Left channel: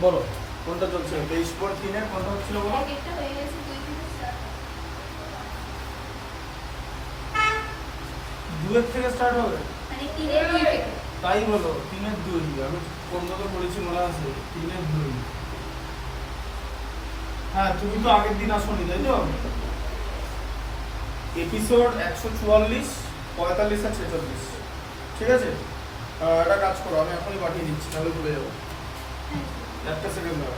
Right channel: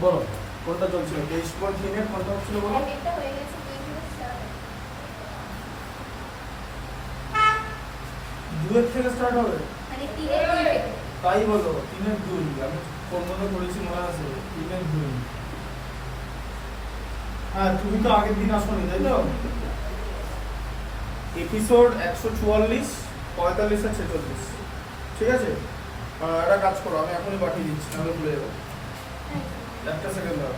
বলো কোনটা চলছিল 23.3 এর কোনটা হচ্ছিল বলো একটা হয়ে গেছে 2 এর থেকে স্টার্ট হবে মানে 3 এর 2 থেকে তাই বলো 3 এর 2 আমি কোন মতো করেছি মনে আছে 3 এর 2 হ্যাঁ তুমি তো আগের দিন আসোনি তাই তো এপিসোড 144 45 আর 46 ঠিক আছে এটা কাজ করো আমি এখনই পাঠিয়ে দিচ্ছি নাহলে ভুলে যাবো একটা সেকেন্ড দাও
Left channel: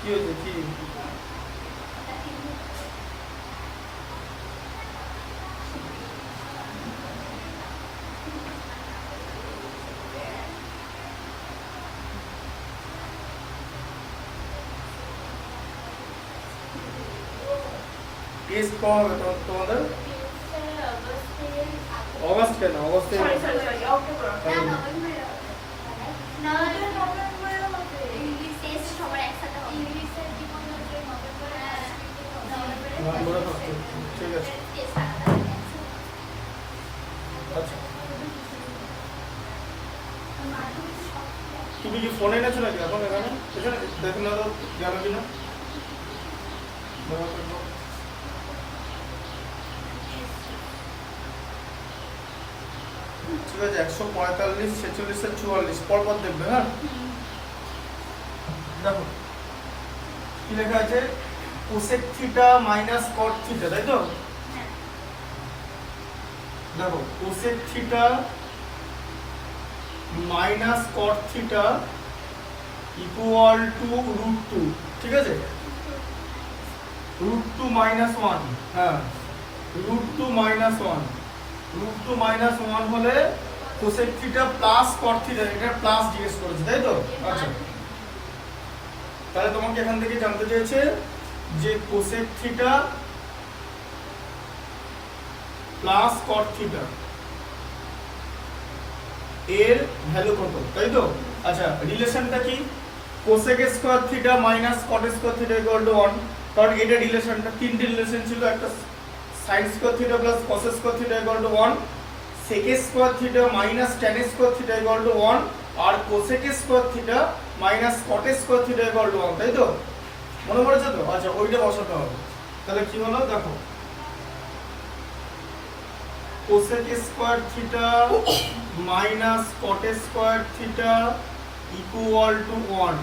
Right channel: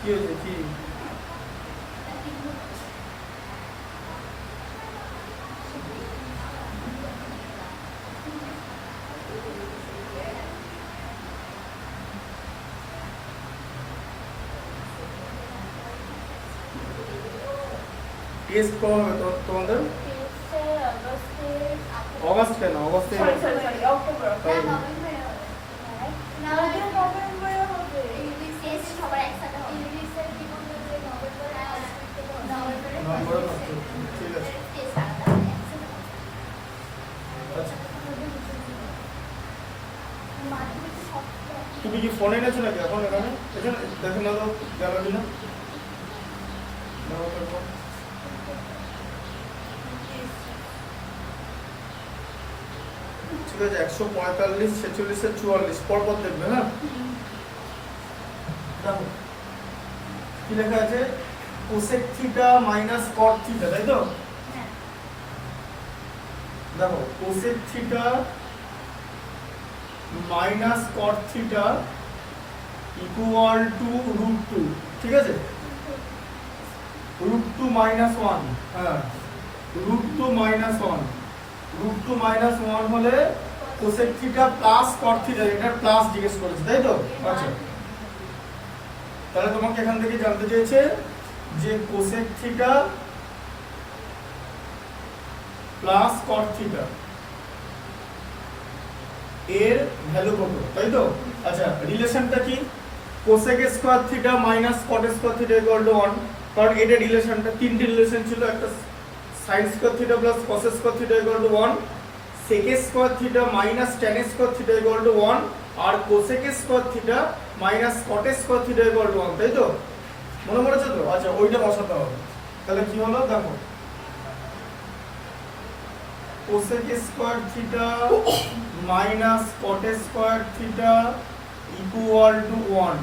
কি হয়েছে কি টেস্ট কবে হবে তোমাদের অগাস্ট কেন অগস্টে তাই নভেম্বরে নষ্ট হচ্ছে। ঠিক আছে আচ্ছা তুমি কি ফোন এনেছো নাকি এখন এখানে এখানে দেখে না দাও গেল কিনা ঠিক আছে 145 46 আর 44 পর পর দেখবে হ্যাঁ দেখো কি লেখা আছে কোসেক থিটা মাইনাস কট থিটা তাই তো দেখো cosec theta minus caught theta equal to √2 ঠিক আছে √2 মাইনাস 1 হ্যাঁ √2 মাইনাস 1 √2 মাইনাস 1 হলে cosec theta plus cot theta এটা প্লাস জিজ্ঞেস করেছে তাই তো আচ্ছা তাহলে তোমাকে এখান থেকে জানতে চাইছে যে cosec theta plus cot theta এর ভ্যালু কত তাই তো আচ্ছা রিলেশনটা কি cosec square theta minus cot square theta equal to 1 কারণ এটা রিলেশনটা তিনটি রিলেশন ছিল একটা sin square theta plus cos square theta equal to 1 sec square theta minus tan square theta equal to 1 আর cosec square theta minus cot square theta equal to 1 তাই তো মনে পড়েছে তো আচ্ছা ওইটা বসাতে হবে তাহলে কি হলো দেখো cosec square theta minus cot square theta equal to 1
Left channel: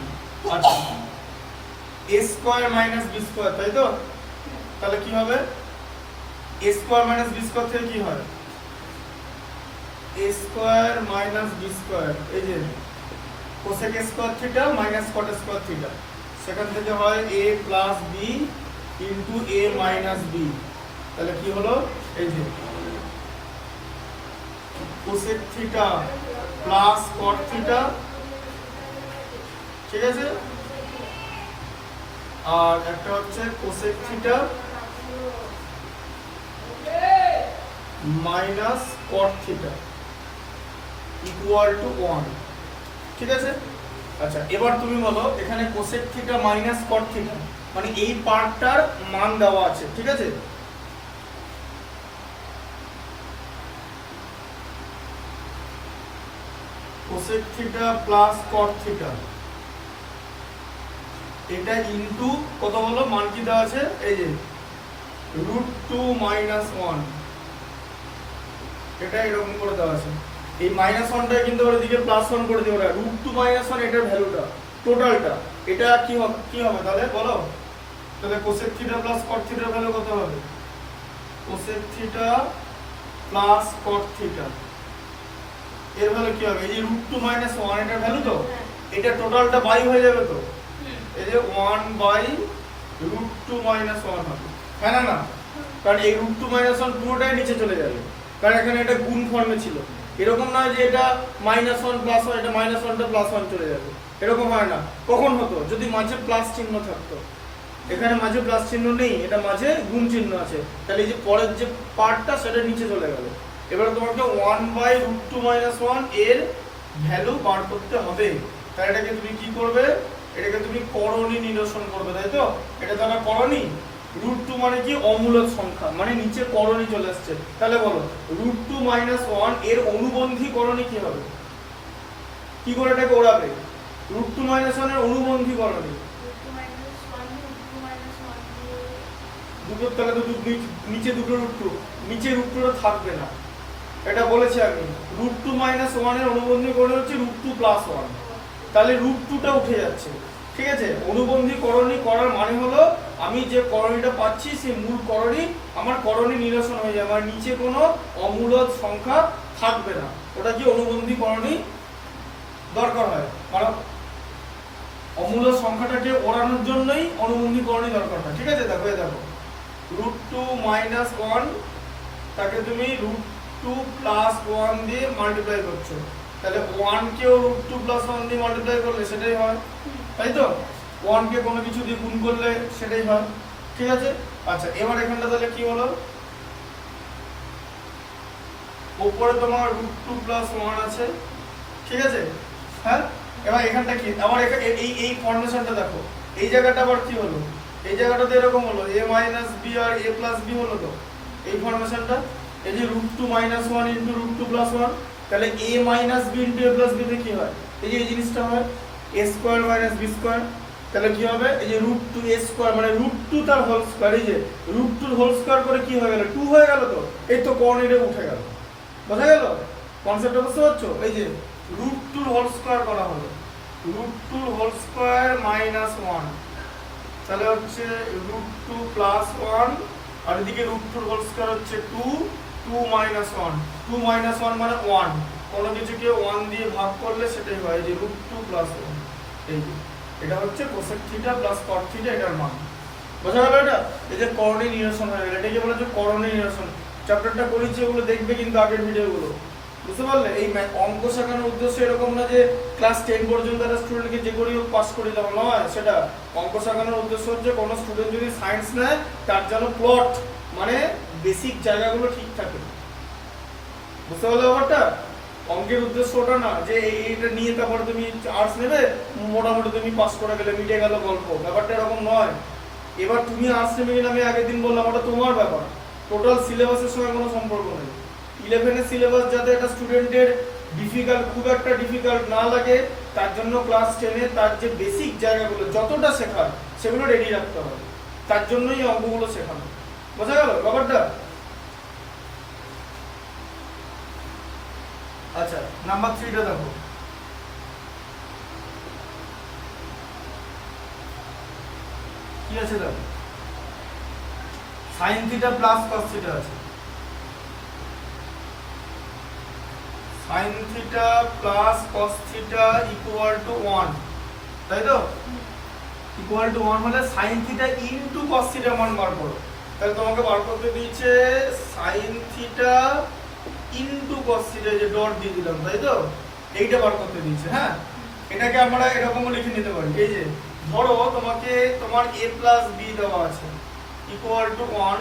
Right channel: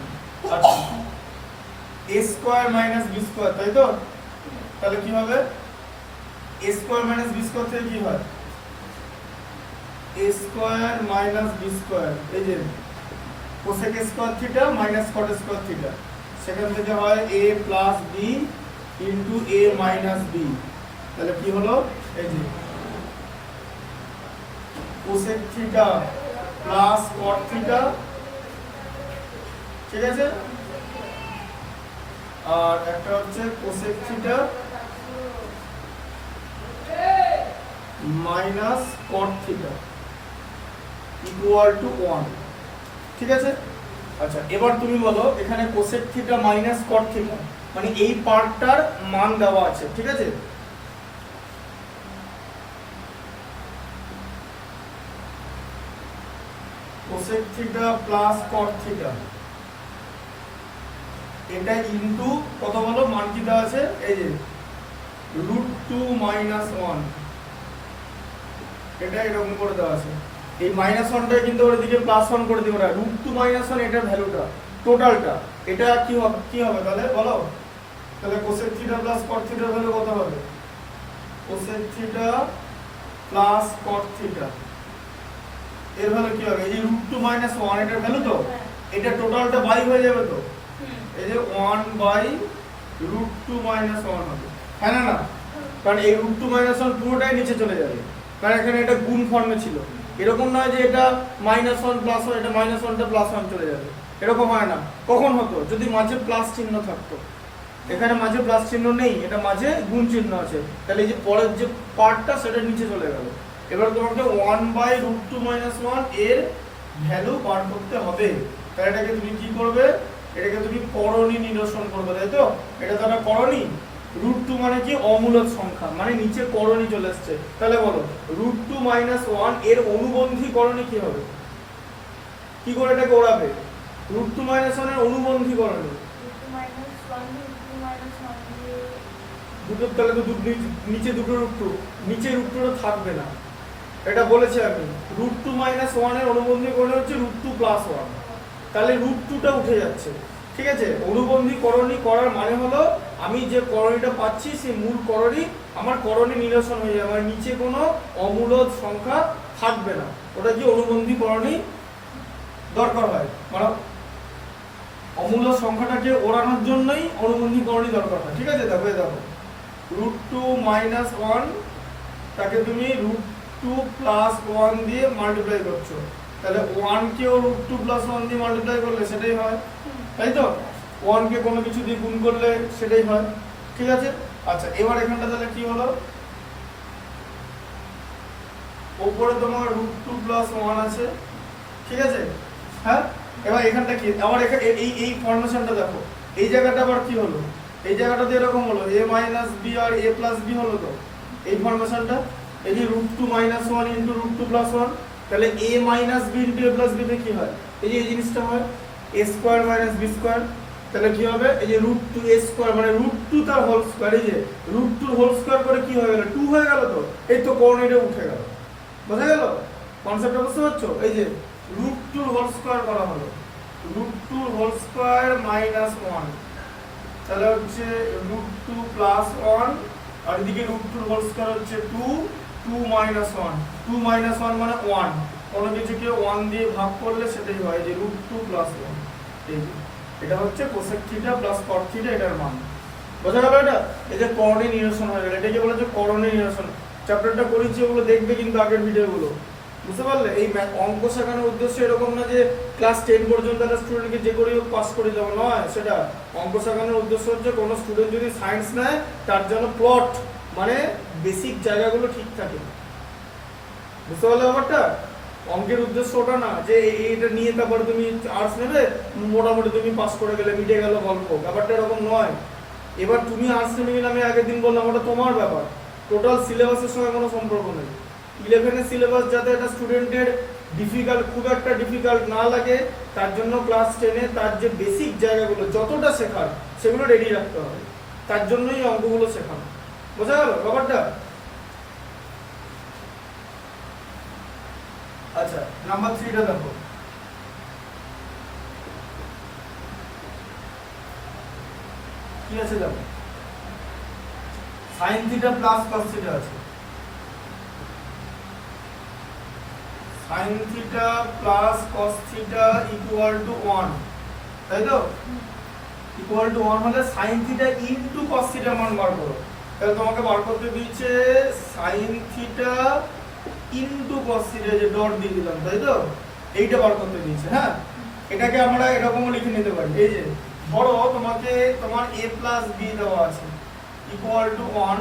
আচ্ছা a square minus b square তাই তো তাহলে কি হবে a square minus b square থেকে কি হয় a square minus b square এই যে cosec square theta minus cot square theta সেখান থেকে হয় a plus b into a minus b তাহলে কি হলো এই যে cosec theta plus cot theta ঠিক আছে আর একটা হচ্ছে cosec theta minus cot theta equal to 1 ঠিক আছে আচ্ছা এবার তুমি বলো এখানে cosec theta minus cot theta মানে এই পার্টটার মান দেওয়া আছে ঠিক আছে cosec theta plus cot theta এটা ইনটু কত বলো মান কি দেওয়া আছে এই যে √2 মাইনাস 1 এটা এরকম করে দেওয়া আছে এই মাইনাস 1টা কিন্তু ওর দিকে প্লাস 1 করে দিও না √2 মাইনাস 1 এটার ভ্যালুটা টোটালটা এটা কি হবে তাহলে বলো তাহলে cosec থিটা প্লাস cot থিটার ভ্যালু কত হবে cosec theta plus cot theta এর ভ্যালু কি হবে? এই যে √2 - 1 এটার ভ্যালু তো, এটা টোটালটা বাই হয়ে যাবে তো, এই যে 1/√2 - 1 হবে, হ্যাঁ না? কারণ এই √2 - 1 পুরোটাই নিচে চলে যাবে, কারণ এখানে এটা গুণ ফর্মে ছিল। এরকম নয় যে এটা -1 + 1, এটা -1টা +1 চলে যাবে, এরকম হয় না। কখন হতো? যদি মাঝে প্লাস চিহ্ন থাকতো। এখানে মাঝে প্লাস চিহ্ন নেই, এটা মাঝে গুণ চিহ্ন আছে, তাহলে এই যে পরের যে পার্টটা সেটা নিচে চলে গেল। এবার তোমাকে 1/√2 - 1 এর ভ্যালু বার করতে হবে। তাহলে এটাকে তুমি কি করবে? এটাকে তুমি করণী নিরসন করবে, তাই তো? এটা তো আমরা করণী, √2 মানে কি? অমূলক সংখ্যা, মানে নিচে করণী চলে আসছে। তাহলে বলো √2 - 1 এর অনুবন্ধী করণী কি হবে? কি করে এটাকে ওড়াবে? √2 - 1 এর অনুবন্ধী করণী দুটো, তাহলে তো নিচে দুটো √2, নিচে √2টা থাকবে না, এটা বলেছি আমি। √2 - 1 এর অনুবন্ধী করণী হচ্ছে √2 + 1, তাহলে √2টা উঠে যাচ্ছে, ঠিক আছে? অনুবন্ধী করণী করার মানে হলো আমি যে করণীটা পাচ্ছি সেই মূল করণী আমার করণী নিরসন হয়ে যাবে, আর নিচে কোনো অমূলক সংখ্যা থাকবে না। ওটা কি অনুবন্ধী করণী দরকার হয়, মানে অমূলক সংখ্যাটাকে ওড়ানোর জন্যই অনুবন্ধী করণী দরকার হয়, ঠিক আছে? দেখো দেখো √2 - 1 তাকে তুমি √2 + 1 দিয়ে মাল্টিপ্লাই করছো, তাহলে 1 কেও √2 + 1 দিয়ে মাল্টিপ্লাই করলে সেটাই হয়, তাই তো? 1 কে কোনো কিছু দিয়ে গুণ করলে সেটাই হয়, ঠিক আছে? আচ্ছা, এবার এখানটা তাহলে কি হলো? উপরে তোমার √2 + 1 আছে, ঠিক আছে? হ্যাঁ, এবার এখানটা কি? আবার এই ফর্মেশনটা দেখো, এই জায়গাটা আবার কি হলো? এই জায়গাটাতে এরকম হলো a - b R a + b হলো তো, এই ফর্মেশনটা। এই যে √2 - 1 * √2 + 1, তাহলে a - b * a + b তে কি হয়? এই যে এই জিনিসটা হয় a² - b², তাহলে কি হবে? এই যে √2a² মানে √2 তার হোল স্কয়ার, এই যে √2 হোল স্কয়ার করে কি হয়ে গেল? 2 হয়ে গেল তো, এই তো করণীটা উঠে গেল, বোঝা গেল? কনসেপ্টটা বুঝতে পারছো? এই যে √2 হোল স্কয়ার করা হলো, √2 হোল স্কয়ার -1, তাহলে হচ্ছে √2 + 1, আর এদিকে √2 হোল স্কয়ার হচ্ছে 2 2 - 1, 2 - 1 মানে 1, কোনো কিছুকে 1 দিয়ে ভাগ করলে সেটাই হয়, যে √2 + 1, এই যে এটা হচ্ছে cosec theta plus cot theta, এটার মান। বোঝা গেল? এটা এই যে করণী নিরসন হয়ে গেল, এটাকে বলে যে করণী নিরসন। চ্যাপ্টারটা করেছি, ওগুলো দেখবে কিন্তু আগের ভিডিওগুলো, বুঝতে পারলে? এই অঙ্ক শেখানোর উদ্দেশ্য এরকম না যে ক্লাস 10 পর্যন্ত একটা স্টুডেন্টকে যে করেই হোক পাস করে দেওয়া নয়, সেটা অঙ্ক শেখানোর উদ্দেশ্য হচ্ছে কোনো স্টুডেন্ট যদি সায়েন্স নেয় তার জন্য প্লট মানে বেসিক জায়গাগুলো ঠিক থাকে, বুঝতে পারলে ব্যাপারটা? অঙ্কের উদ্দেশ্য ওটা না যে এইটা নিয়ে তারপরে তুমি আর্টস নেবে, মোটামুটি তুমি পাস করে গেলে মিটে গেল গল্প, ব্যাপারটা এরকম নয়। এবার তুমি আর্টস নেবে কিনা আমি আগের দিন বললাম, ওটা তোমার ব্যাপার, টোটাল সিলেবাসের সঙ্গে কোনো সম্পর্ক নেই। 11 এর সিলেবাস যাতে একটা স্টুডেন্টের খুব একটা ডিফিকাল্ট না লাগে, তার জন্য ক্লাস 10 এ তার যে বেসিক জায়গাগুলো যতটা শেখার সেগুলো রেডি রাখতে হবে, তার জন্যই অঙ্কগুলো শেখানো, বোঝা গেল ব্যাপারটা? আচ্ছা, নাম্বার 3টা দেখো, কি আছে দেখো, sin θ প্লাস cos θ আছে, sin θ plus cos θ equal to 1, তাই তো? ইকুয়াল টু 1 মানে sin θ ইনটু cos θ মান বার করো, তাহলে তোমাকে বার করতে দিয়েছে sin θ ইনটু cos θ, যে ডট দিয়ে দিলাম, তাই তো? এইটা বার করতে দিয়েছে। হ্যাঁ, এটাকে আমরা এরকমও লিখে নিতে পারি, এই যে ধরো তোমাকে তোমার a প্লাস b দেওয়া আছে ইকুয়াল টু 1,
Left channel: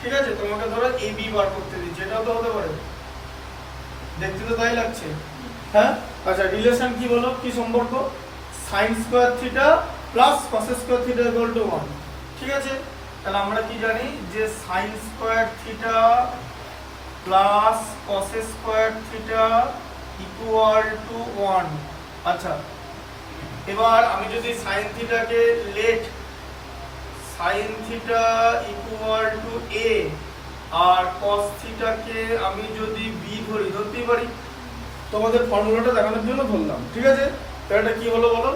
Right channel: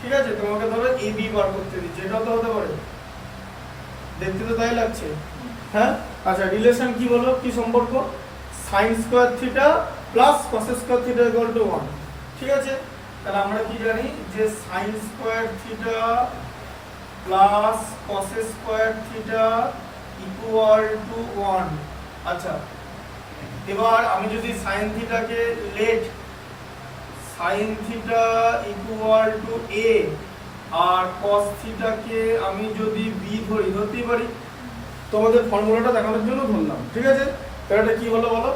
ঠিক আছে? তোমাকে ধরো ab বার করতে দিচ্ছে, এটাও তো হতে পারে, দেখতে তো তাই লাগছে। হ্যাঁ, আচ্ছা, রিলেশন কি বলো, কি সম্পর্ক? sin square θ plus cos square θ equal to 1, ঠিক আছে? তাহলে আমরা কি জানি যে sin square θ plus cos square θ equal to 1। আচ্ছা, এবার আমি যদি sin θ কে let sin θ equal to a আর cos θ কে আমি যদি b ধরতেই পারি, তোমাদের ফর্মুলাটা দেখানোর জন্য ধরলাম, ঠিক আছে? তাহলে এটা কি হলো বলো?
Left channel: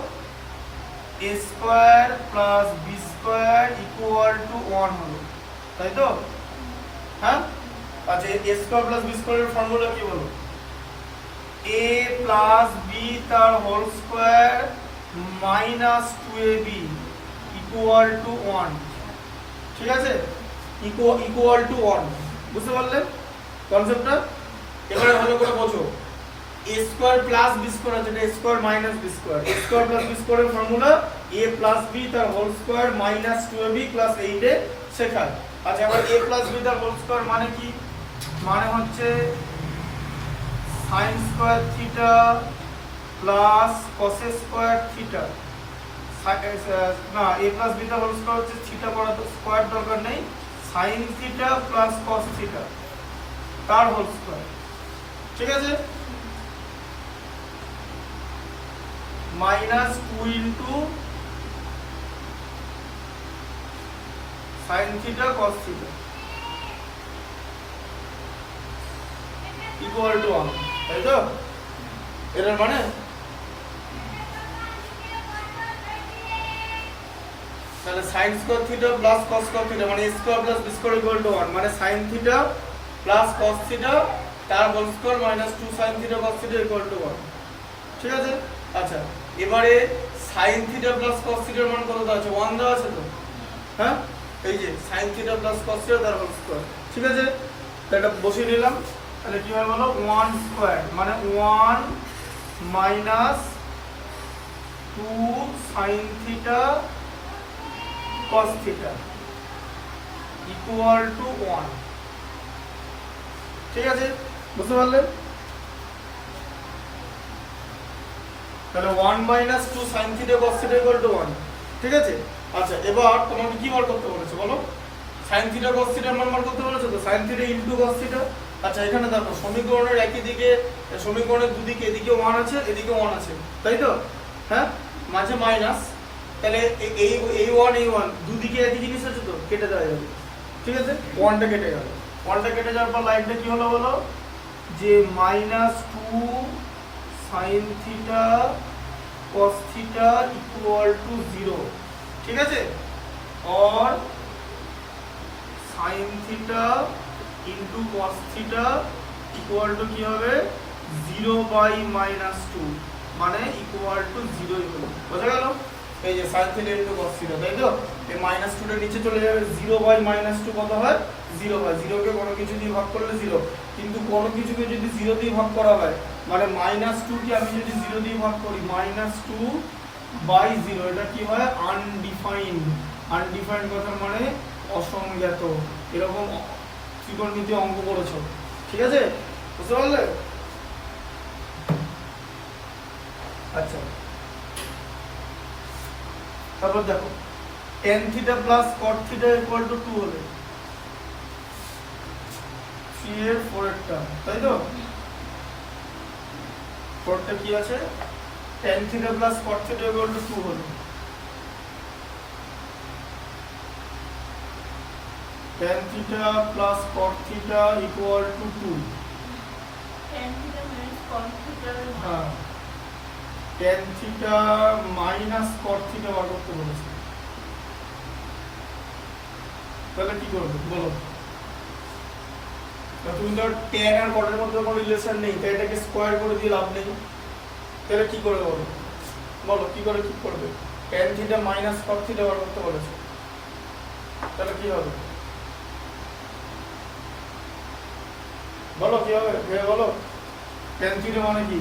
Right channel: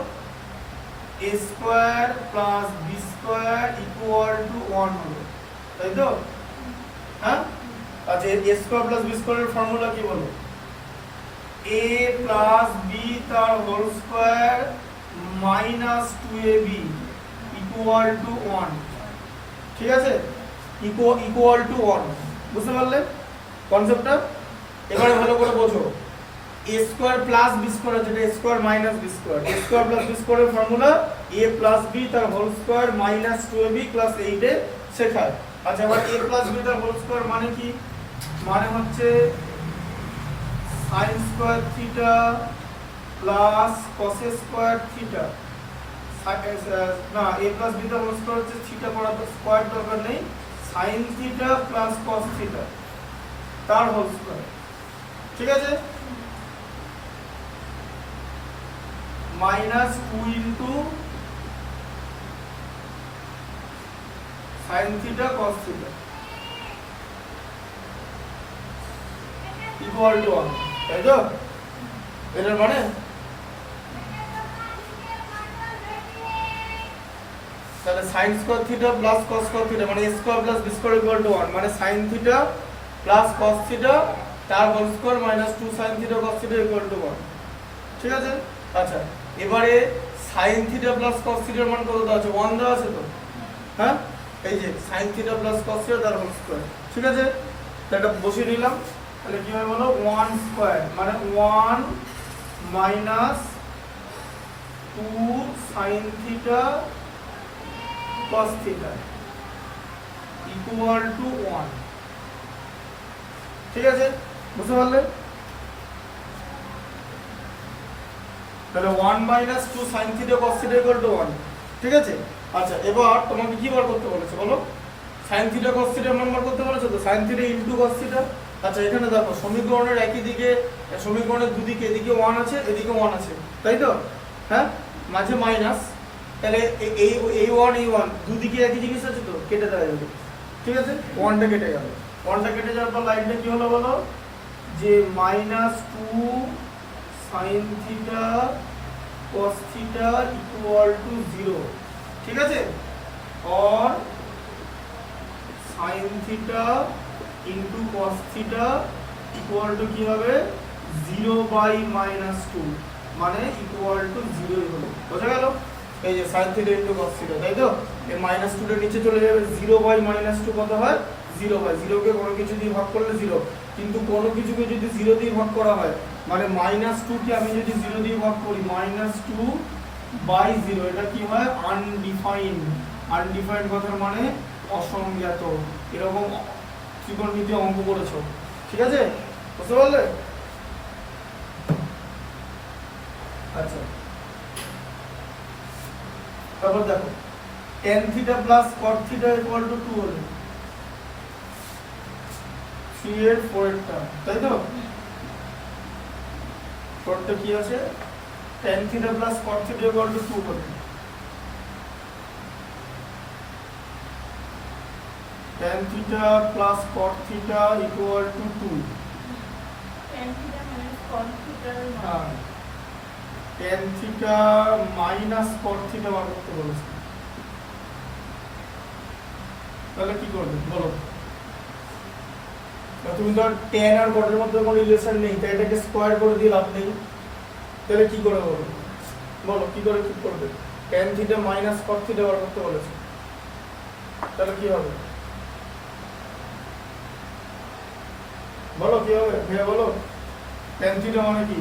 a square plus b square equal to 1 হলো, তাই তো? হ্যাঁ, আচ্ছা, a স্কয়ার প্লাস b স্কয়ারের ফর্মুলা কি বলো? a a প্লাস বি তার whole square minus 2ab equal to 1, ঠিক আছে, ইকুয়াল টু 1, বুঝতে পারলে কনসেপ্টটা? এবারে ভালো করে বোঝো, a square plus b square আছে, এটা a square minus b square, a square plus b স্কয়ারের ফর্মুলা a প্লাস b তার whole square minus 2ab plus 8 এ শেখায়। আচ্ছা, এবার a প্লাস b তার হোল স্কয়ার মানে কি? মানে হচ্ছে sin square theta plus cos square theta, না a প্লাস b তার হোল স্কয়ার হচ্ছে থিটা করা তো স্কয়ার দরকার নেই, sin theta plus cos theta তার হোল স্কয়ার, ঠিক আছে, minus 2 into sin theta cos theta equal to 1, তাই তো? এর মানে তাহলে sin square theta plus cos square theta মানে a square plus b square equal to 1, মানে sin theta plus cos theta তার whole square minus 2 sin theta cos theta equal to 1, ঠিক আছে। আচ্ছা, এবারে sin থিটা প্লাস cos থিটার মান কত দেওয়া আছে? 1 দেওয়া আছে তো, হ্যাঁ, এই যে sin theta plus cos theta তার হোল স্কয়ার, ঠিক আছে, এটা বসিয়ে নিলাম। তাহলে কি হয় বলো? 1 স্কয়ার মানে 1 minus 2 sin theta cos theta equal to 1, ঠিক আছে, বুঝতে পারলে? তাহলে 1 minus 2 sin theta cos theta equal to 1, ঠিক আছে। আচ্ছা, এবার তোমাকে কি বার করতে বলেছে বলো? sin থিটা cos থিটার মান বার করতে বলেছে তো, sin theta into cos theta. আচ্ছা, এখানে দেখো সমীকরণের একই দিকে, সমীকরণের দুদিকে, এদিকে 1 আছে এদিকে 1 আছে, তাই তো, হ্যাঁ, মাঝে মাইনাস, তাহলে এই 1 এই 1 দুদিকে একই জিনিস আছে তো, কেটে দেওয়া যাবে, ঠিক আছে, 1টা কেটে গেল, 1টা কেটে যাওয়ার পর লাইনটা কি হলো বলো? যে minus 2 sin theta cos theta equal two 0, ঠিক আছে, और sin theta into cos theta equal two কি হবে? 0 বাই মাইনাস 2 মানে ইকুয়াল টু 0 ই হলো, বোঝা গেল? এই যে sin theta into cos theta, তাই তো, এই মাইনাস 2 টা নিচে চলে যাবে, 0 বাই মাইনাস 2 কত হয়? 0 হয়, 0 কে কোনো কিছু দিয়ে ভাগ করলে 0, কিন্তু কোনো কিছুকে যদি 0 দিয়ে ভাগ করা হয় মানে মাইনাস 2 কে আমি যদি 0 দিয়ে ভাগ করি, মাইনাস 2 বাই 0, এটা কি হয়? আনডিফাইন্ড, আনডিফাইন্ড কথার মানে অসংজ্ঞাত, এরকম ত্রিকোণমিতি অঙ্ক করেছো, ঠিক আছে, বুঝতে পারলে? আচ্ছা, তারপর দেখো tan theta plus cot theta equal to 2 হলে 3 এর 4 এর টার্ম, তাই তো, 4 টা কি আছে? tan theta plus cot theta equal to 2 হলে tan theta plus cot theta equal to 2, tan theta minus cos theta হ্যাঁ, tan theta minus cot theta বার করতে বলেছে, তাহলে কি করবে বলো? তুমি তো tan আর cot এর মধ্যে কোনো রিলেশন নেই, তাই এটাকে স্কয়ার করে দিয়ে লাভ নেই, তাহলে কি করে বলো? বলো কি করে কি করবে? tan theta minus cot theta বার করতে বলেছে, তাহলে কি হবে বলো? কি হবে ভেবে বলো? tan থিটা মানে কি?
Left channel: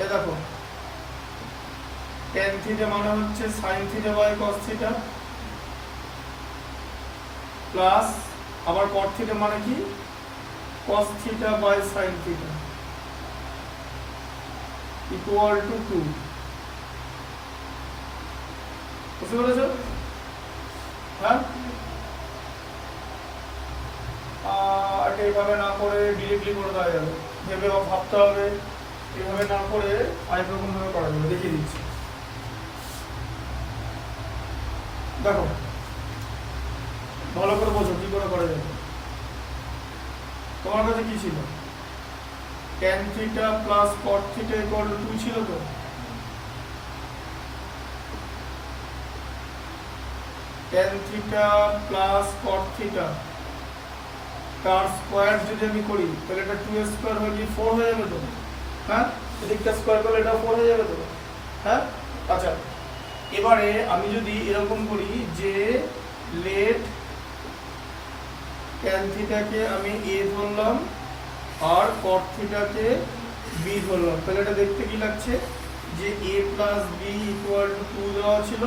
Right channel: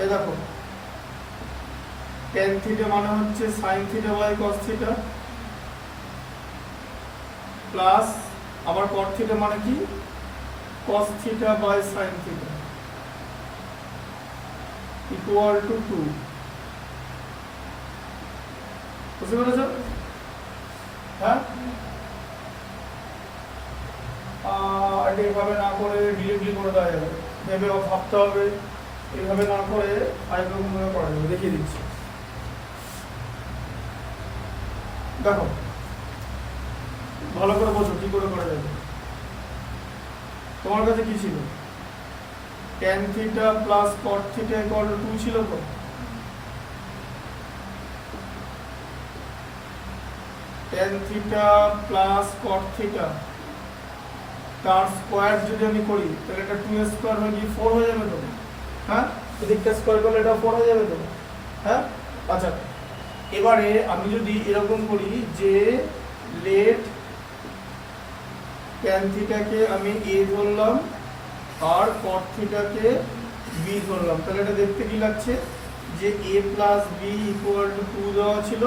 এই দেখো, tan থিটা মানে হচ্ছে sin theta by cos theta plus আবার cot থিটা মানে কি? cos theta by sin theta equal to 2, বুঝতে পেরেছো? হ্যাঁ, এটা এভাবে না করে ডিরেক্টলি করে দেওয়া যাবে, এভাবে ভাবতে হবে, এইভাবে না করে আরেক রকম ভাবে করা যাবে, দেখিয়ে দিচ্ছি। দেখো ভালো করে বোঝো কি করে করা যাবে। তোমার কাছে কি ছিল? tan theta plus cot theta equal to 2 ছিল তো, tan theta plus cot theta তার স্কয়ার যদি আমি করি তাহলে এটা 2 স্কয়ার হয়ে গিয়ে 4 হয়ে যাবে তো, হ্যাঁ, এদিকটা স্কোয়ার করলে এটা 4 হয়ে যাবে তো, হ্যাঁ? আচ্ছা, এবারে আমি যদি এরকম করি যে লেট ট্যান থিটাকে আমি a ধরলাম আর cot থিটাকে b ধরলাম, তাহলে এটা দেখতে কি লাগছে যে a plus b equal to 2 দেওয়া ছিল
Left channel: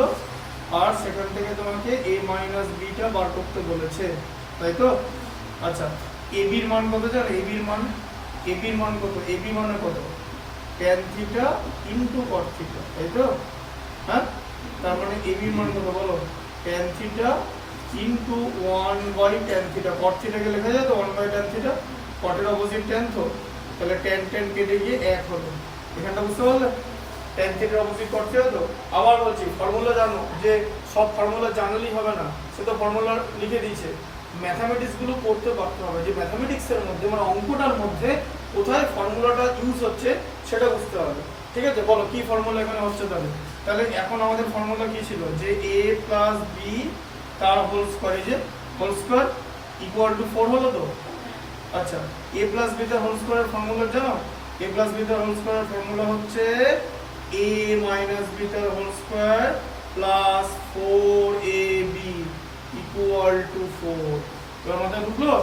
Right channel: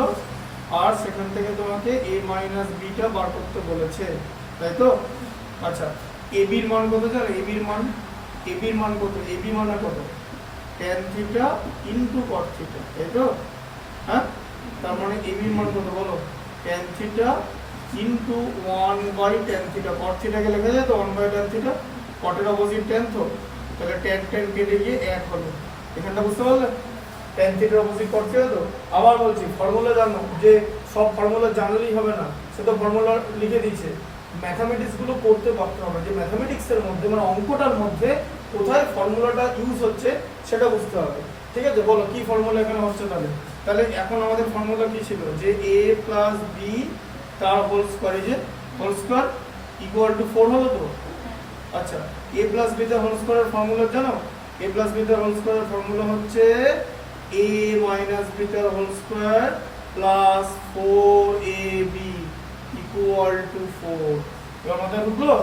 আর সেখান থেকে তোমাকে a মাইনাস b টা বার করতে বলেছে, তাই তো? আচ্ছা, ab এর মান কত জানো? ab এর মান কত? ab মানে কত? tan theta into cot theta, তাই তো? হ্যাঁ, তার মানে ab এর মান কত বলো? tan theta into 1 by tan theta. cot থিটাকে লেখা যায় তো 1 বাই tan থিটা, cot এর অপোজিট tan তো, তাহলে tan কেটে গিয়ে 1 হলো। এখানটা বুঝতে পারলে? tan থিটার অপোজিট cot থিটা তো। আবার বলছি, ফর্মুলা জানো, যে সব ফর্মুলা জানলেই হবে না, সে তো ফর্মুলা লিখে দিয়েছে। ম্যাথমেটিক্স গুলো পড়তে পারতে হবে, যে ম্যাথমেটিক্স এর মধ্যে মানে অঙ্কটার মধ্যে কোথায় ফর্মুলাটা ইউজ হচ্ছে সেটা বুঝতে হবে। ঠিক আছে, বলো কি ফর্মুলা এখানে হচ্ছে তাহলে? তাহলে এখন আমাদের ফর্মুলা কি ছিল? যে a প্লাস b তার হোল স্কয়ার, এই যে হোল স্কয়ার ইকুয়াল টু 4 হলো তো। আচ্ছা, a প্লাস b তার হোল স্কয়ারের ফর্মুলা জানো? a প্লাস b তার হোল স্কয়ারের ফর্মুলা হচ্ছে a মাইনাস b তার whole square plus 4ab equal to 4। এবার মাথায় ঢুকলো?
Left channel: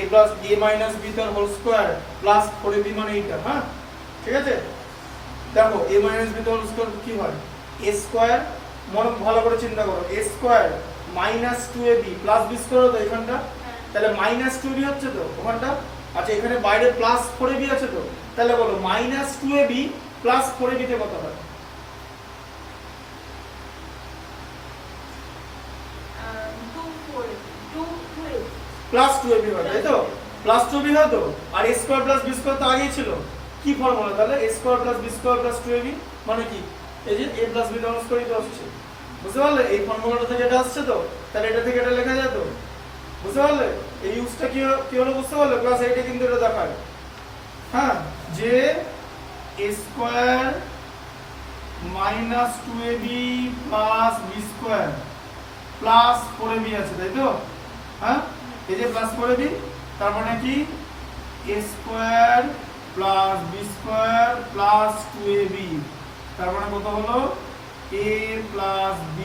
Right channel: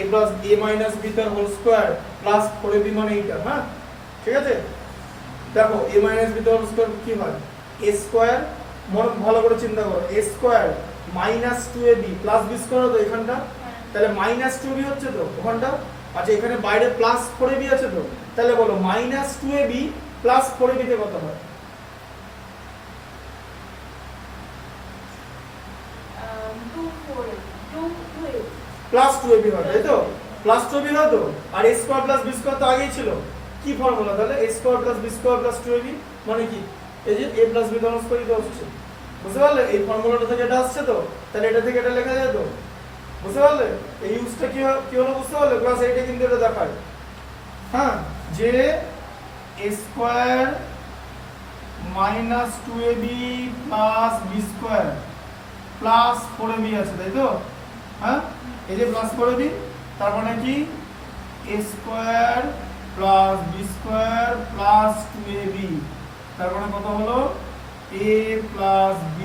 a plus a minus b তার হোল স্কয়ার প্লাস 4ab মানে এইটা, হ্যাঁ? ঠিক আছে, দেখো a মাইনাস b তার হোল স্কয়ার কি হয়? a স্কয়ার, মনে ভালো করে চিন্তা করো, a square minus 2ab plus b square তো এখানটা, তাহলে মাইনাস 2ab হচ্ছে তো ওখানটা। আচ্ছা, এখানে বাইরে প্লাস 4ab আছে তো, তাহলে বলো মাইনাস 2ab প্লাস 4ab তে কত হয়? প্লাস 2ab হয়, তাই তো? প্লাস 2ab হয় তো, আর a square plus b square তো আগেই ছিল। কি ফর্মুলা তাহলে? a square plus b square plus 2ab মানে কি? এই যে a প্লাস b দ্বারা স্কয়ারই তো আসছে, বুঝতে পারলে? এই ফর্মুলাটা থেকে এটা আসছে তো, তাহলে এটা থেকে এটা লেখা যায় তো, বুঝতে পারলে? এই ইউজটা কি হলো বুঝতে পারলে? ক্লাস 8 এ কিন্তু এটা দেখায়, হ্যাঁ, যে a square minus 2ab plus b square plus 4ab আছে, তাই তো? হ্যাঁ, এই যে প্লাস 4ab, তার মানে কি a square plus b square plus 2ab, তার মানে কত হলো? a প্লাস b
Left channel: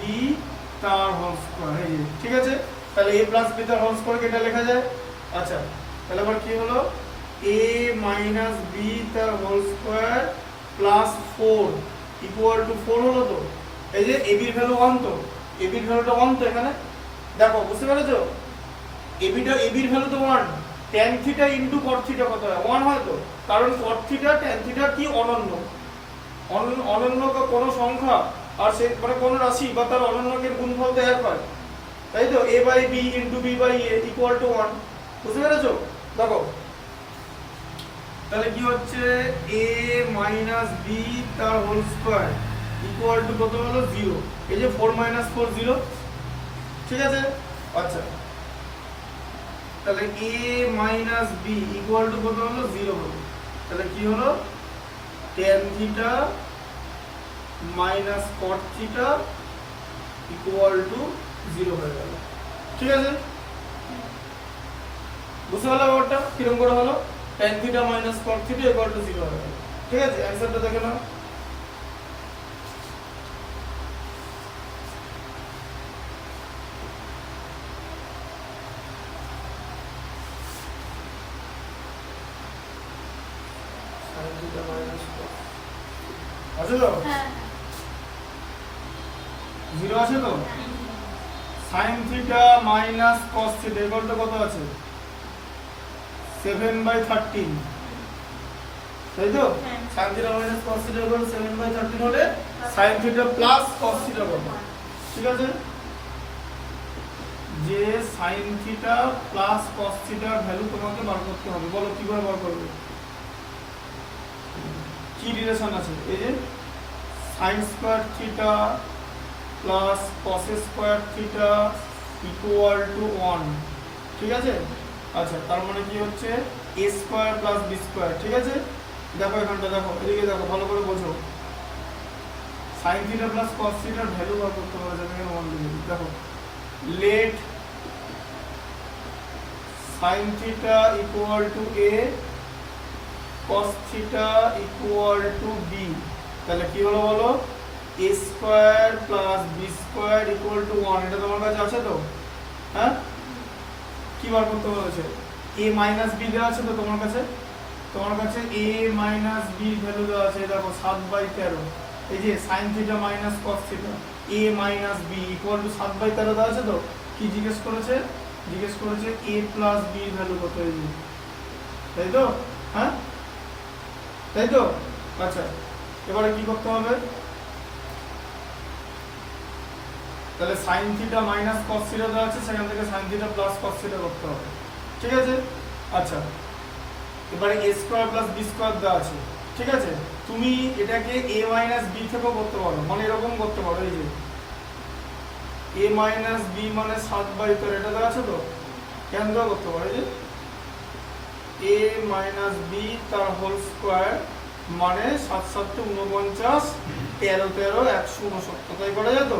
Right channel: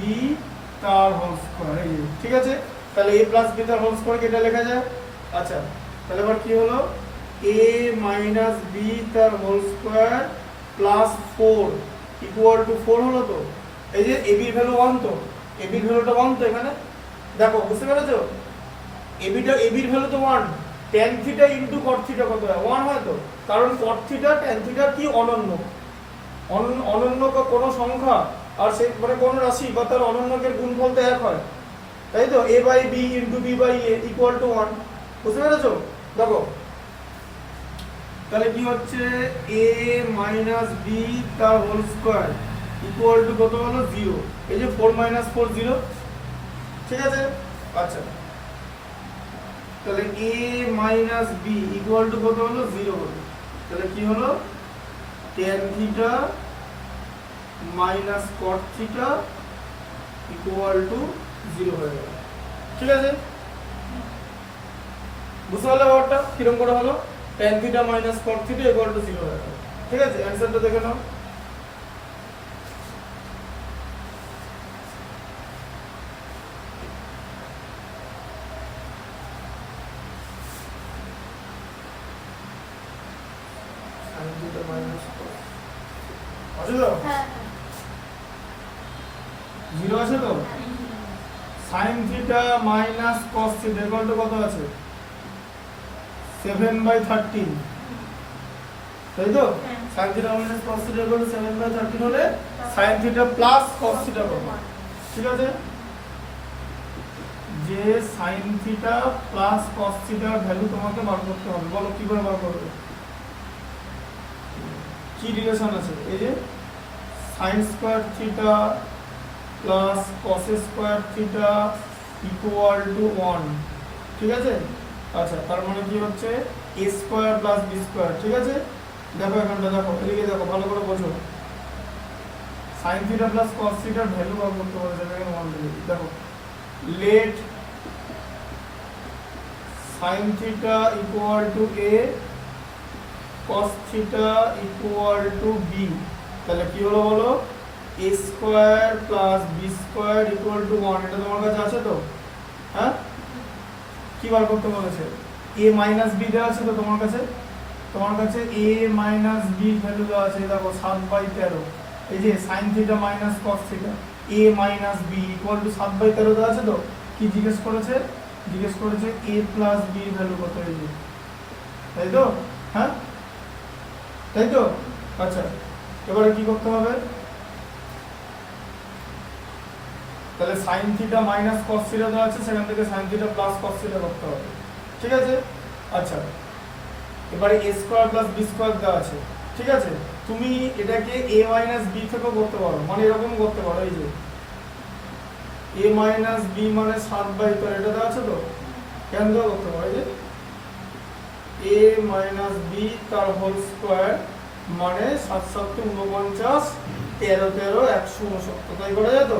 তার হোল স্কয়ার। এই যে, ঠিক আছে, তাহলে a প্লাস b তার হোল স্কয়ার এটা লেখা যায়। আচ্ছা, তাহলে এবার কি হলো? a মাইনাস b তার whole square plus 4 equal to 4 হলো তো। এই যে ab এর ভ্যালু 1 তো, ab এর ভ্যালুটা 1 তো এখানে, দেখো বুঝতে পেরেছো? ab এর ভ্যালু তো 1, tan theta into cot theta কত হয়? 1 হয় তো, কারণ cot থিটা tan থিটা কি অনন্য, অনন্য কোনো সংখ্যা আর সে মানে কোন রাশি বা তার অনন্যকের গুণফল তো এক হয়, তাই তো? a by b into b by a equal to 1, বুঝতে পেরেছো? দেখো তাহলে কি হচ্ছে? a মাইনাস b তার হোল স্কয়ার ইকুয়াল টু কত হলো? 0। এই যে 4 মাইনাস 4 0, ঠিক আছে? আচ্ছা, তাহলে a minus b equal to কত হলো? 0 হলো। তাহলে কি হলো? tan theta minus cot theta equal two 0 হয়ে গেল, ঠিক আছে? বুঝতে পারলে ব্যাপারটা কিরকম করে হলো? tan theta minus cot theta equal two 0 হয়ে গেল, ঠিক আছে? অ্যানসারটা দেখে নাও। আছে তো? 0 আছে তো? sin theta minus cos theta equal to কত আছে? 7/13, তাই তো? sin theta minus cos theta equal to 7/13 হলে sin theta plus cos theta কত? ঠিক আছে, যে sin থিটা প্লাস cos থিটার ভ্যালু তোমাকে বার করতে হবে। বলো কি করে বার করবে? কি রিলেশন আছে? এই যে sin square theta plus cos square theta equal to 1, ঠিক আছে? আচ্ছা, তার মানে কি হচ্ছে? a square plus b square, ঠিক আছে? দেখো এখানটা, দেখো এদিকে, দেখো ভালো করে বোঝো। sin থিটা প্লাস cos থিটার ভ্যালু বার করতে হবে, যেখানে 1 দিলে। দেখো let sin theta equal to a cos theta equal to B, তাহলে কি হলো বলো, a square plus B square equal to 1, এটা তোমার কাছে আছে তো? হ্যাঁ, কি বার করতে বলেছে? a মাইনাস বি দেওয়া আছে তো তোমার কাছে? তোমার কাছে a মাইনাস বি ভ্যালু দেওয়া আছে, দেখো 7/13, এই যে sin theta minus cos theta a minus B equal to 7/13 দেওয়া আছে তো? কি জিজ্ঞেস করেছে? জিজ্ঞেস করেছে a প্লাস বি এর ভ্যালু কত, এই যে, তাই তো? হ্যাঁ, তাই তো? আচ্ছা, এবারে কি করতে হবে? তাহলে sin theta minus cos theta দেওয়া আছে, সেখান থেকে sin theta plus cos theta করতে হবে, ঠিক আছে? আচ্ছা, এবারে a square plus B square দেওয়া আছে, ঠিক আছে? তুমি এটাকে a মাইনাস বি থেকেও করতে পারো, মানে এরকম করতে পারো, এই যে a মাইনাস বি মানে 7/13, এটা দেওয়া আছে তো? কেন দেওয়া করতে পারো, এই যে a মাইনাস বি তার হোল স্কয়ার মানে 7 7 49, 13 13 169, তাই করা যায় তো?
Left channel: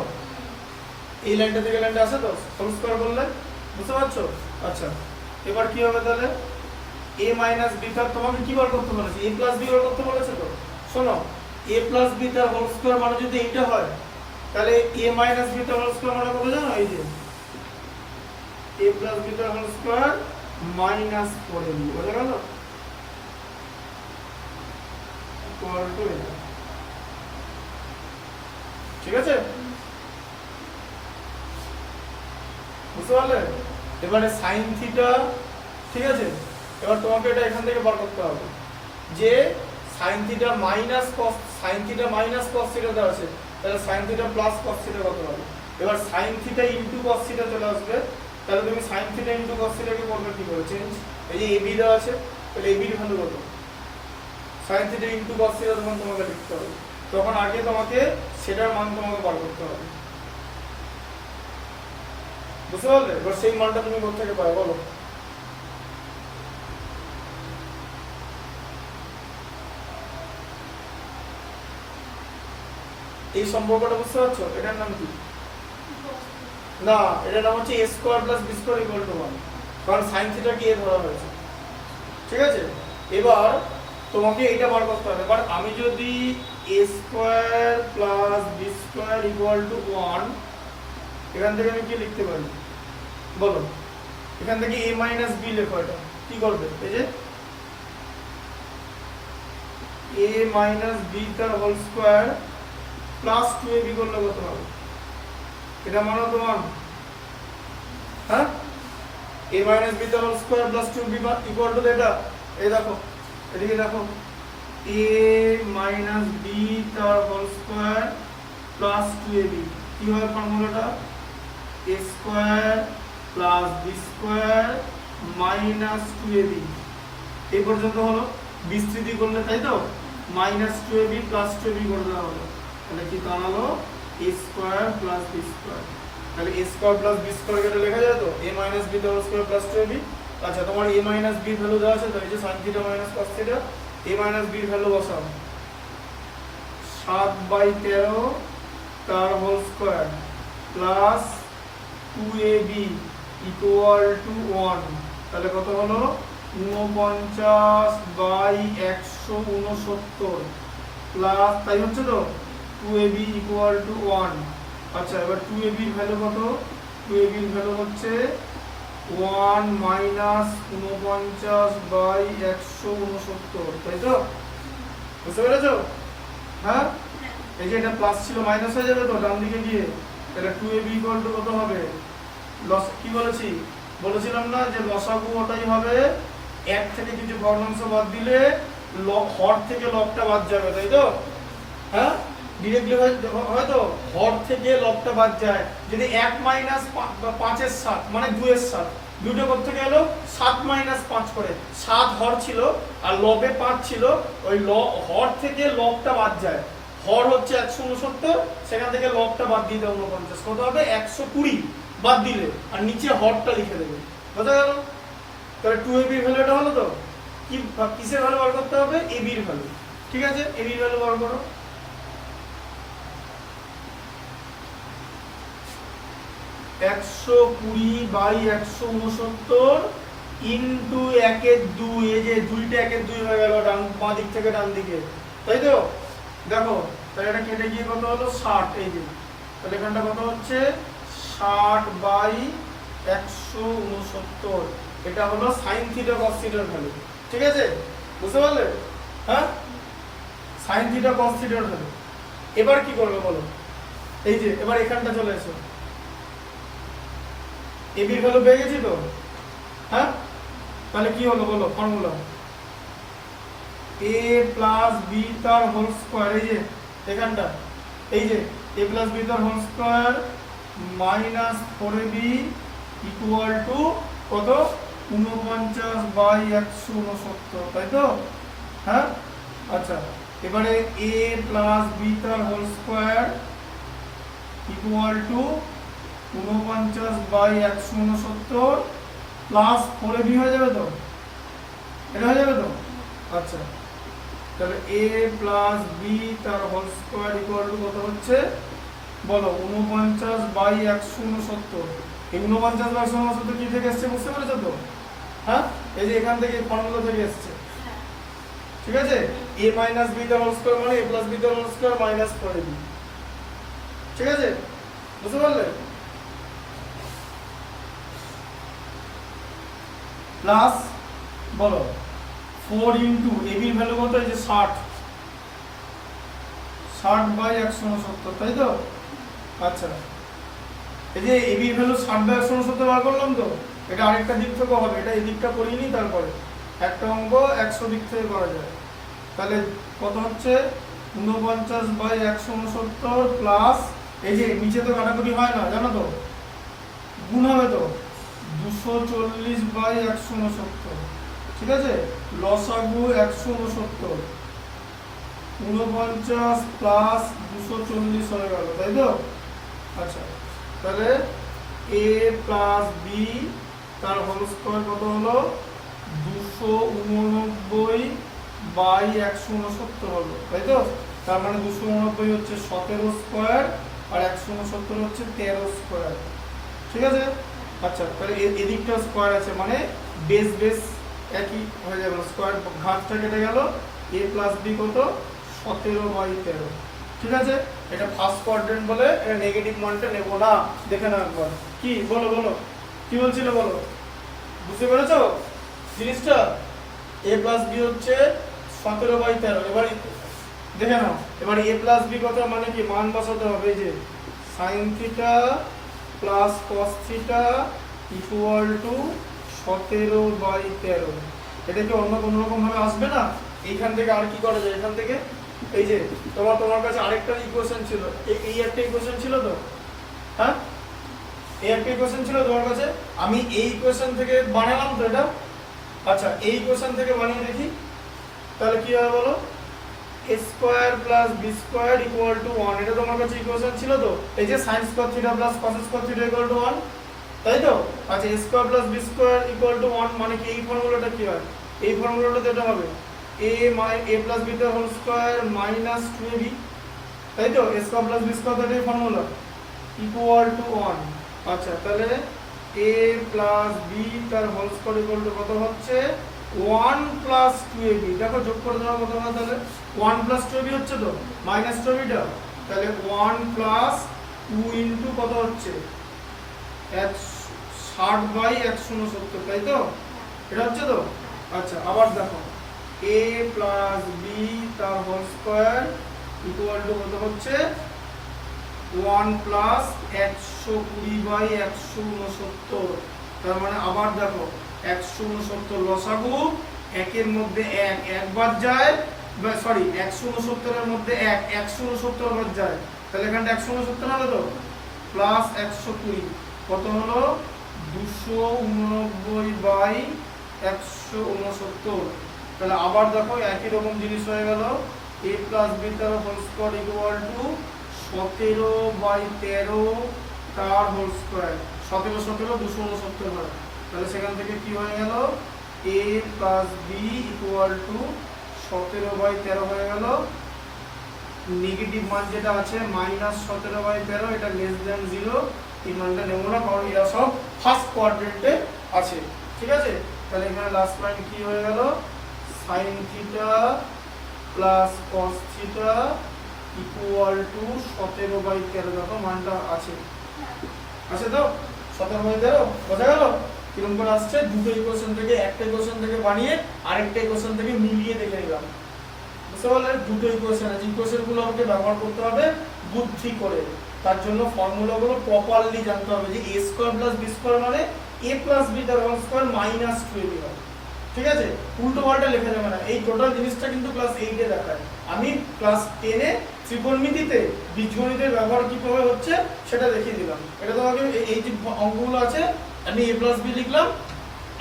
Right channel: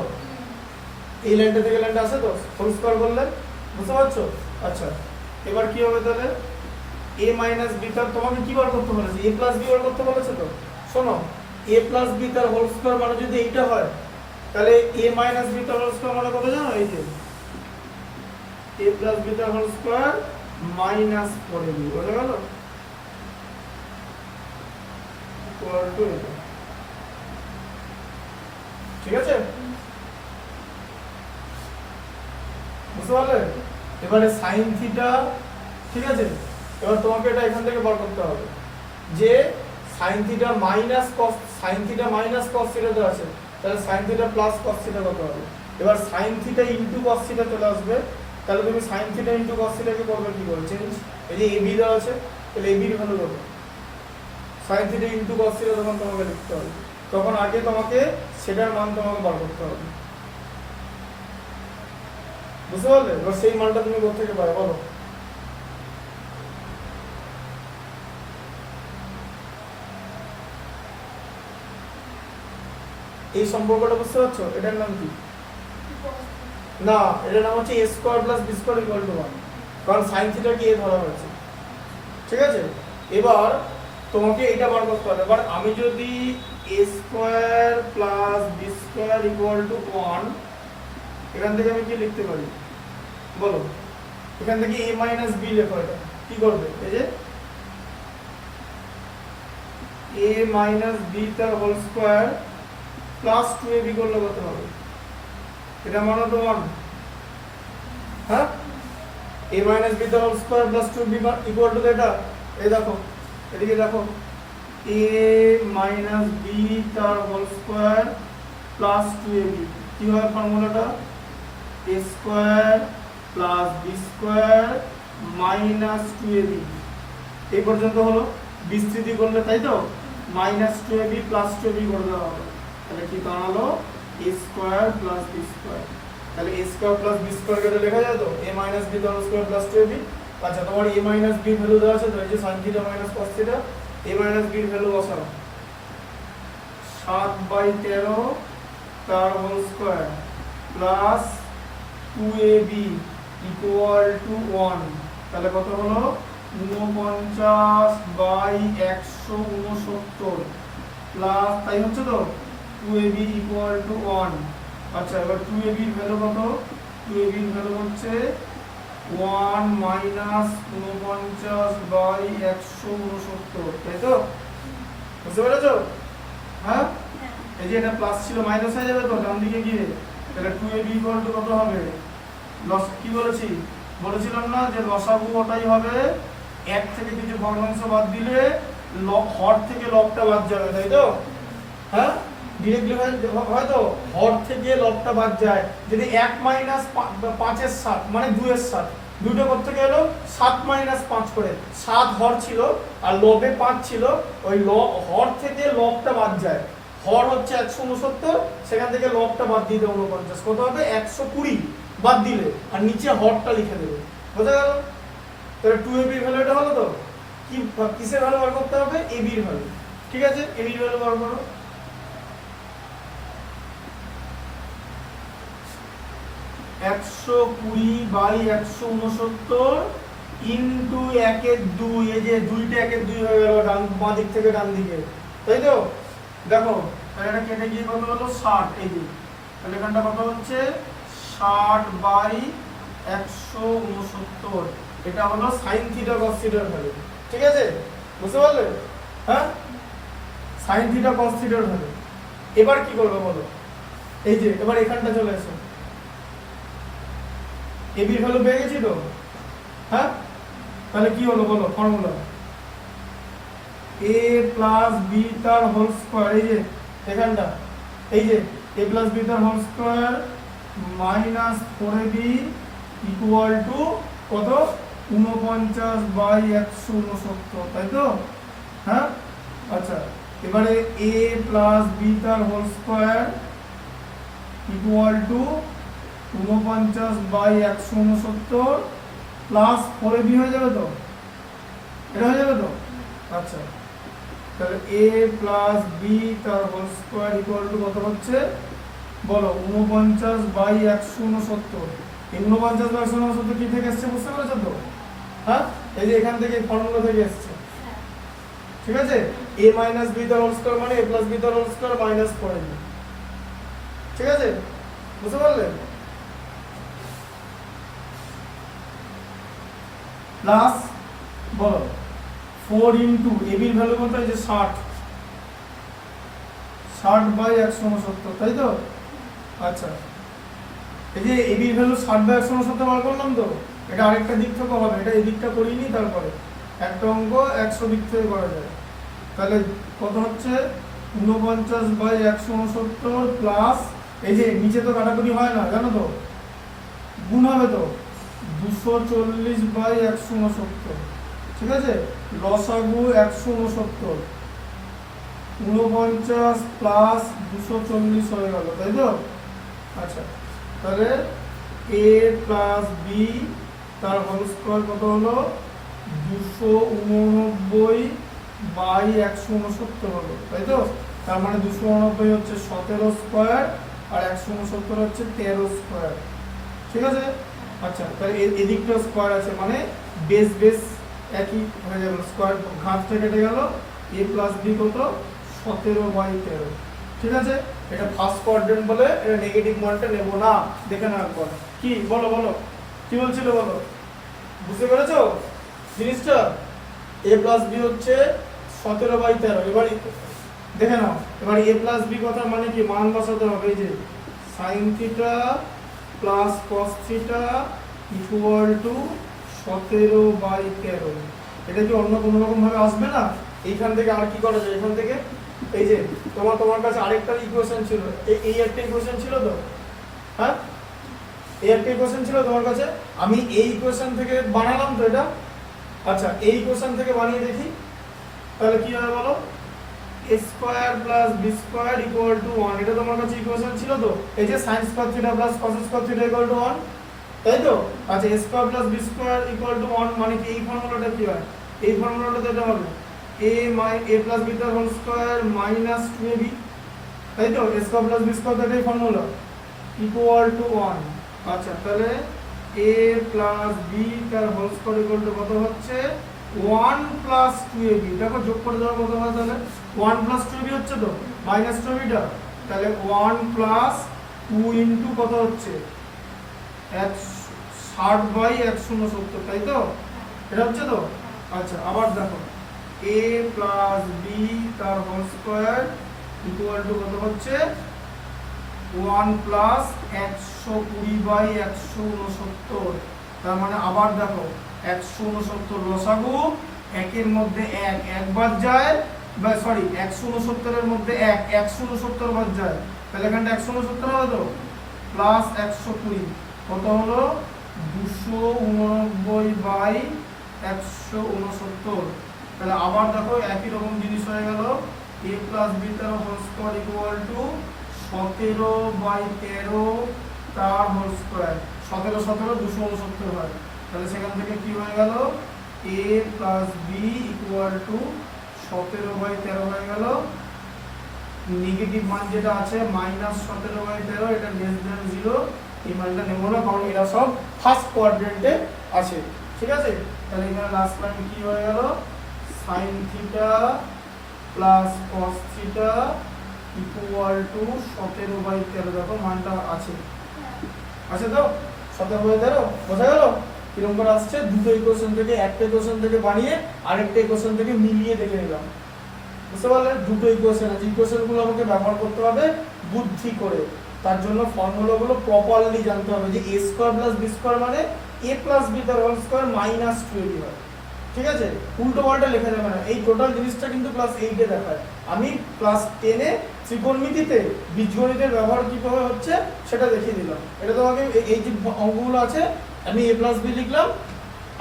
এই লাইনটা থেকে লাইনটা আছে তো, হোল স্কয়ার করলে, বুঝতে পারছো? আচ্ছা, এবার কি হবে তাহলে? a মাইনাস বি তার তোমাকে কি বার করতে বলেছে? a প্লাস বি বার করতে বলেছে তো? শোনো, a প্লাস বি তার হোল স্কয়ার মানে যদি এইটা হয়, তাহলে a মাইনাস বি তার হোল স্কয়ার মানে কত জানো? এই যে a প্লাস বি তার হোল স্কয়ার মাইনাস 4ab, বুঝতে গেল? ইকুয়াল টু, ঠিক আছে? বুঝতে পারলে? এবারে sin থিটা, ঠিক আছে? এবার তোমাকে এটা এখান থেকে বার করতে হবে যে sin theta minus cos, sin theta minus cos theta দেওয়া আছে, তাহলে sin theta plus cos theta কত হবে? এবার sin theta into cos theta চলে আসবে, তাহলে তুমি sin theta into cos theta কে করবে কি করে? চেঞ্জ, এই যে ab দেওয়া আছে, তাহলে ab এর ভ্যালু কত? sin theta into cos theta তখন তোমাকে লিখতে হবে, তখন আগে তোমাকে সেটার মান তোমাকে বার করতে হবে, বুঝতে পারলে? এবার সেই মানটা তুমি কোথা থেকে পাবে বলো? এই সম্পর্কটা বুঝতে পারছো? এটার নাম কি? না, এটার নাম হচ্ছে a square plus b square equal to 1, কারণ sin থিটা কি a ধরা হয়েছে, ঠিক আছে? এবার তোমাকে এটা বার করতে হবে। এবার আমি যদি a square plus b square equal to 1, এখান থেকে আমি কি লিখতে পারি বলো? এখান থেকে a মাইনাস b লেখো, এটা কি করবে? এই যে a মাইনাস b তার হোল স্কয়ার প্লাস 2ab করলে কত হবে? এটা মানো তো 1, হ্যাঁ? a মাইনাস b তার whole square plus 2b equal to এটা, এই দেখো, এদিকে দেখো, a মাইনাস b তার হোল স্কয়ার প্লাস 2ab, কি হবে ফর্মুলাটা? a square plus b square minus 2ab, এই পর্যন্ত হলো। বিস্তৃতি করলে, তাই তো, মাইনাস 2ab প্লাস 2ab করে দেওয়া হবে, তাহলে কি দাঁড়ালো? a square plus b square, তাহলে a square plus b square কেটে লেখা যায় তো? a মাইনাস b তার হোল স্কয়ার প্লাস 2ab। আচ্ছা, তোমার a মাইনাস b ভ্যালু দেওয়া আছে তো, এই যে sin theta minus cos theta, a minus b এর ভ্যালু বসাও, 7/13 তার whole square plus 2ab equal to 1, তাহলে কত হলো? 49/169 প্লাস, তাই হচ্ছে তো, 2ab ইকুয়াল টু 1। আচ্ছা, এবার 2ab এর ভ্যালু কত? 2ab এর ভ্যালু হচ্ছে 1 মাইনাস 49/169, তাই তো? বুঝতে পেরেছো? হ্যাঁ, এই যে এটা প্লাস ছিল মাইনাস হয়ে যাবে তো ডান দিকে গিয়ে, তাহলে 2ab ইকুয়াল টু কত হবে? লস কি বলেছি? বলেছিলাম না যে লসাগু ওটাই হবে 1 থেকে কিছু ভগ্নাংশ বাদ দিলে হর থেকে লবটা বাদ যাবে, তাই তো? হ্যাঁ, ডিরেক্টলি হয়তো হর থেকে লবটা বাদ যায়, যদি 1 মাইনাস 5 এর 7 মানে 2 এর 7, দুটো করতে গেল 7 মাইনাস 5 করে, 7 হর ছিল আর লবে 5 ছিল, ওই হর থেকে লবটা বাদ যায়, হর হচ্ছে 169, সেখান থেকে লবটা বাদ দিয়ে দেবে 49, কত হবে? 120 বাদ দিলে, আর নিচে হরটা লিখে দেবে, বোঝা গেল? তাহলে 2ab এর ভ্যালুটা হলো তো? কি কিসের ভ্যালু বার করতে হবে? ab এর ভ্যালু, ঠিক আছে? ab এর ভ্যালু বার করো, 120/169 ইন্টু 1/2, এই যে 2টা 1/2 হয়ে গেল ডান বাঁ দিক থেকে ডান দিকে, তাই তো? দেখো তাহলে এটা কেটে গিয়ে কত হলো 60, এই যে তাহলে এখানটা কত হচ্ছে 60/169, এটা হলো sin থিটা cos থিটার ভ্যালু। ঠিক আছে, বুঝতে পারলে? হ্যাঁ, sin থিটা cos থিটার ভ্যালু। এবার কি করবে বলো? এই যে এবার এখানটা চলে এসো, ab এর ভ্যালু পেয়ে গেছি তো? হ্যাঁ, তাহলে কি হলো বলো ফর্মুলা? a প্লাস b তার হোল স্কয়ার, এই যে এখানটা, এই যে a প্লাস b তার whole square minus 4ab equal to কত? 49/169, তাই তো? হ্যাঁ, আচ্ছা এবারে a প্লাস b তার whole square equal to 49/169 plus 4ab হয়ে যাবে তো? এটা হয়ে যাবে তো? আচ্ছা তাহলে a প্লাস b তার হোল স্কয়ার ইকুয়াল টু কত হচ্ছে বলো? 49/169। এই 49/169 কি থেকে এসেছে বুঝতে পেরেছো তো? হ্যাঁ, এই যে এখান থেকে ফর্মুলা থেকে এসেছে। ঠিক আছে, a মাইনাস b তার হোল স্কয়ার মানে a প্লাস b তার হোল স্কয়ার মাইনাস 4ab। ঠিক আছে, বুঝতে পারলে? প্লাস বলো 4 ইন্টু ab এর ভ্যালু কত? এই যে 60/169, তাই তো? আচ্ছা এই যে ab এর ভ্যালু 60/169 বার করলাম তো, এটা আরেকটা দিক থেকে হবে, এটা এই দিকটা করিনি, তারপরে একটা অঙ্ক 100 দিক থেকে করা যায়। তাহলে কত হচ্ছে 49/169 প্লাস এই যে নিচে তো কাটাকুটি হয় না জানো তো, গুণ হবে তো 240/169। ঠিক আছে, লসাগু 169, 49 প্লাস 240 হয়ে গেল, তাই তো? আচ্ছা তাহলে a প্লাস b তার হোল স্কয়ার কত হলো? 289/169 হলো, তাই তো? তার মানে 289 হচ্ছে 17 স্কয়ার আর 169 হচ্ছে 13 স্কয়ার। ঠিক আছে, আচ্ছা তাহলে এদিকটা স্কয়ার আছে মানে বেস বেস একই হয়ে যাবে, স্কয়ার ঘাতটা কেটে গেল। a প্লাস b কত? 17/13। ঠিক আছে, এটা ফার্স্ট কোয়াড্রেন্ট বলে এটা নেগেটিভ মানটা নেব না, দেখে নাও একবার। কি বলো বলো, কি বলছিলে বলো? বুঝতে পেরেছো জিনিসটা? a প্লাস b হচ্ছে 17/13। এবার দেখে নাও, এবার a প্লাস b কথা মানে কি মান বসাতে হবে। এই যে sin theta plus cos theta equal two 17/13। এটা কি অন্য কোনো রকম ভাবে আসবে না? এইখান থেকে আর কি করা যায়? এখান থেকে এই যে তোমার কাছে আরেকটা ইকুয়েশন ছিল, এই একটা ইকুয়েশন ছিল তো? হ্যাঁ, এই একটা ইকুয়েশন ছিল তোমার কাছে, আমি এই ইকুয়েশন থেকে বানালাম তো এটা। আচ্ছা এই ইকুয়েশন থেকে বানিয়ে দেখি, তাহলে কি হবে বলো? a square plus b square equal to 1, এটা তোমার কাছে ইকুয়েশন ছিল তো? এই যে sin square theta plus cos square theta equal to 1, তাই তো? আচ্ছা a square plus b square equal to 1 মানে কি এই ফর্মুলাটা কি হয়? এই ফর্মুলাটা এটা হবে a প্লাস b তার হোল স্কয়ার মাইনাস 2ab, তাই তো? a square plus b square এটাই ফর্মুলা ইকুয়াল টু 1। আচ্ছা তাহলে a প্লাস b তার হোল স্কয়ার ইকুয়াল টু কত হচ্ছে? 1 প্লাস 2ab। দেখো যোগ করে দেওয়া কত হয় তাহলে? 1 প্লাস 2ab হচ্ছে তো, মাইনাস 2ab টা, তাহলে 1 প্লাস 2 ইনটু কত হচ্ছে? 60/169, তাই তো? এটা হচ্ছে তো? আচ্ছা আবার দেখো a প্লাস b তার হোল স্কয়ার ইকুয়াল টু কত হচ্ছে? 1 প্লাস 120/169। তার মানে আবার দেখো 169 লসাগু, একের মধ্যে এক একবার যায়, বা সরি 169 এর মধ্যে এক 169 বার যায়, তাহলে এখানটা 169 হবে তো, প্লাস 120 কত হলো? 289/169। তাহলে আবার দেখো একই রকম জিনিস হয়ে গেল, a প্লাস b তার হোল স্কয়ার ইকুয়াল টু 17/13 তার হোল স্কয়ার। 17 269 হয়, তাহলে সেখান থেকে কি হয়ে গেল? a plus b equal to 17/13 হয়ে গেল। নেগেটিভ মান যেটা আছে মাইনাস 17/13, এটা লেস দ্যান 0, এই মানটা নেব না কারণ এরা সব ফার্স্ট কোয়াড্রেন্টে আছে। ঠিক আছে, তাহলে এখানে লাস্ট পয়েন্ট কি হয়ে গেল, sin theta plus cos theta equal two 17/13। দেখো মানটা আছে, আছে তো 17/13 বোঝা গেল কিরকম করে আসছে। দুটো ইকুয়েশন থেকে, একটা ইকুয়েশন থেকে বানিয়ে আরেকটা ইকুয়েশন থেকে মিলিয়ে দেখে নিলাম, বুঝতে পারলে? দুটো ইকুয়েশন আছে, ইকুয়েশনগুলো আমাকে ব্যবহার করতে হবে বুদ্ধি করে। তার জন্য ফর্মুলাগুলো প্রপারলি জানতে হবে যে a square plus b square মানে a প্লাস b তার হোল স্কয়ার মাইনাস 2ab হয়, ঠিক আছে? উল্টো পাল্টা লেখা যাবে না। এই টোটাল জিনিসটা কিন্তু ক্লাস 8 এ দেখায়। আমি ক্লাস 10 এ ত্রিকোণমিতিতে বীজগণিতের ব্যবহার কিভাবে হচ্ছে সেটা দেখিয়ে দিলাম। এটা তোমাকে এই যে অঙ্কগুলো আছে আমি a প্লাস b লিখলাম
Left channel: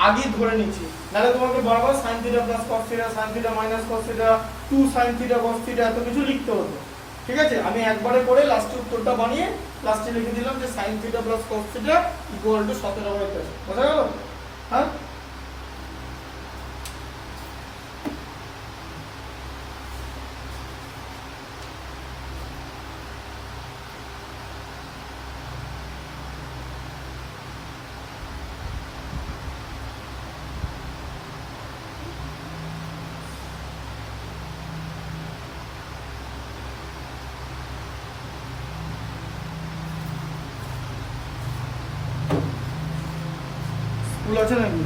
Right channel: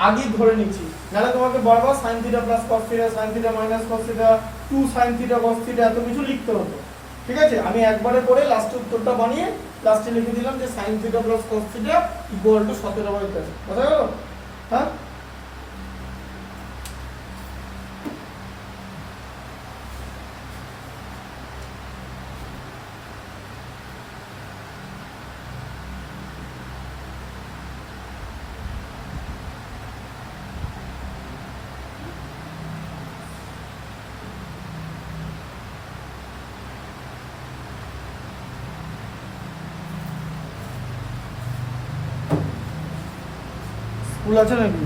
আগেই ধরে নিচ্ছি, নাহলে তোমাকে বারবার sin theta plus cos theta, sin theta minus cos theta, 2 sin theta cos theta এত কিছু লিখতে হতো, ঠিক আছে? আমি একবারে করে লাস্টে উত্তরটা বানিয়ে লাস্টে লিখে দিলাম যে sin theta plus cos theta equal two 17/13। বুঝা গেল? হ্যাঁ, স্কুল আছে নাকি?